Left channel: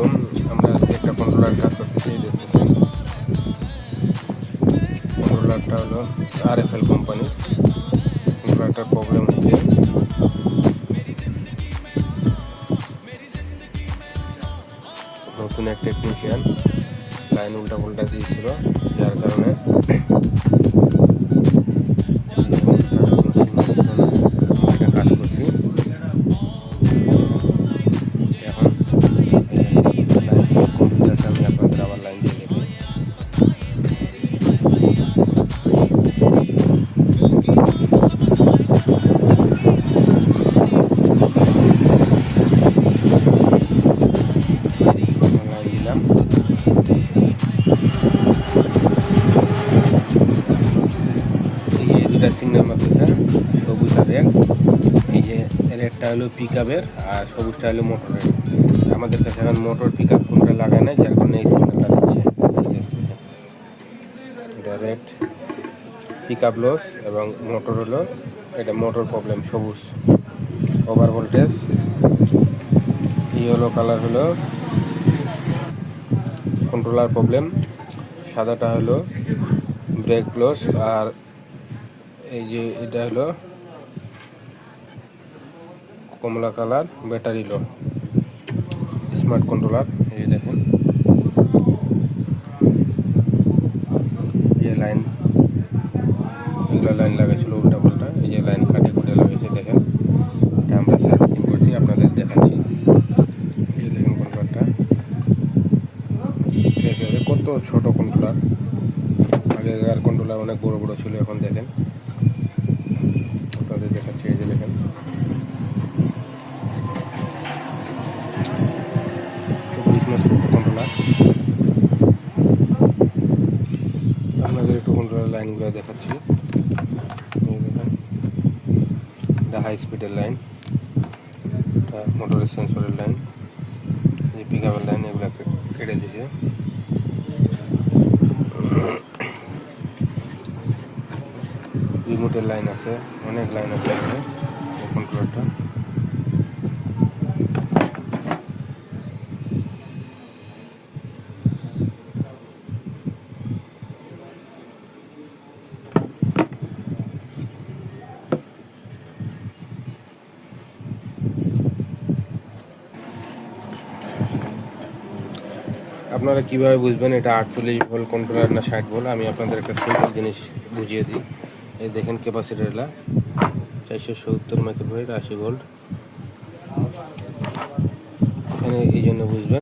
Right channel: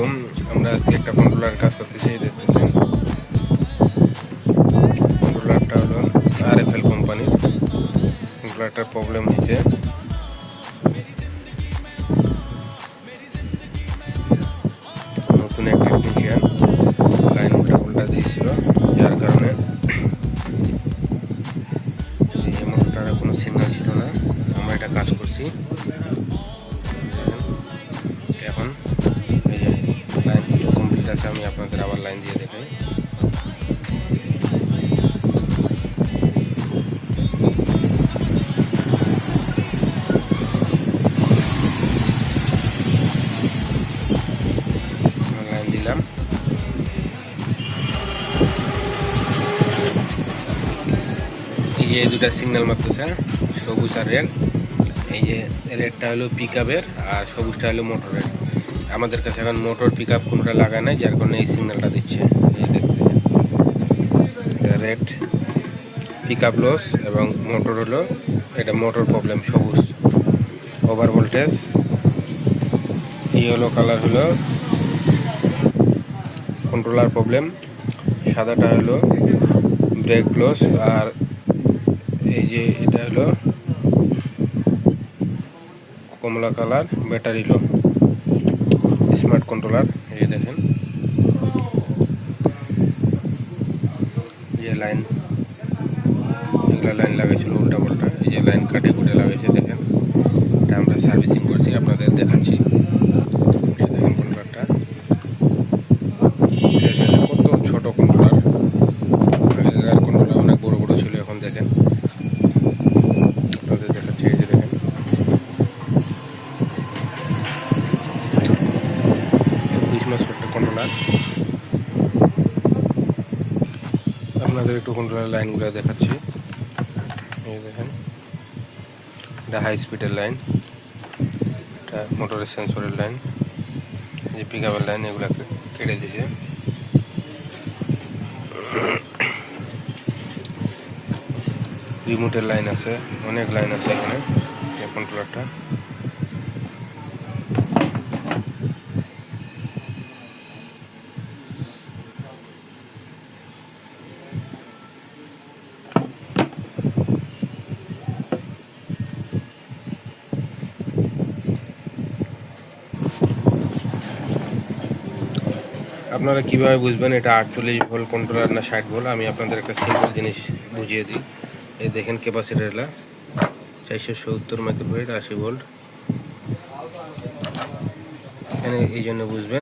আলাইকুম। আমরা আজকে একটা কন্ট্রোলার কাজ করতেছি, দেখতেছেন। কন্ট্রোলারটা হলো RFL কোম্পানির। কন্ট্রোলারটার প্রবলেম হয়েছে, নতুন এক টেকনিশিয়ান লাইন উল্টা পাল্টা দিয়েছিল, যার কারণে মোটরটার কোনো সিগন্যাল ছিল না। আমরা এটা কাজ করছি এখন। লাইন কমপ্লিট আছে, আমি আপনাদের আবার লাইন দিয়ে দেখাই। লাইন দিলাম, এই যে দুটা সিগন্যাল মারতেছে, সবুজ আর রেড। এই যে রেডটা হলো পিক আপের আর সবুজটা হলো মোটরের। আমাদের কাছে এখন মোটর পিক আপ কোনটা লাগায় না, যার কারণে এই সিগন্যালটা দিচ্ছে। এই দেখতে, এটা রেড পিক আপ লস, এবং মোটর হলো এটা মোটর প্রবলেম সবুজ, ওভার ভোল্টেজ। ইয়েলো কালার হলো কন্ট্রোলার প্রবলেম, সাদাটা হলো ব্রেক লস, আর এই যে এটা হলো কমলা colour battery low. Smart controller, এই দেখেন, এই যে লাইন, এগুলো লাইন লাগাইছিল উল্টা পাল্টা, এই যে লাইন কাটে কুটে লাগাইছে, দেখেন। এটা আমরা সার্ভিসিং করছি, আপনাদের দেখাচ্ছি। এই দেখেন কন্ট্রোলারটা, কত ছোট কন্ট্রোলার। আগেকার কন্ট্রোলার অনেক বড় বড় ছিল, এখন দেখেন আপনাদের দেখাচ্ছি। এই যে দেখেন, 20 মাস একটা কন্ট্রোলার। আপনাদের একটু কন্ট্রোলার লাইনগুলো দেখাচ্ছি। এই দেখেন, এটা হাই স্পিডের লাইন, এটা মোটরের সেন্সরের লাইন, যে পিক আপের লাইন, এগুলো কেটে দিয়েছে। রিমোটের লাইন আছে, অনেক লাইন আছে এখানে এই কন্ট্রোলারটা। আপনারা কিভাবে বুঝবেন এটা 48 ভোল্ট কন্ট্রোলার না 60 ভোল্ট? আমি আপনাদের একটা সিম্পল জিনিস বুঝিয়ে দিই। এই দেখেন ক্যাপাসিটারটা 470 মাইক্রোফ্যারাড 80 ভোল্ট, এখানে এই জন্য বুঝবেন।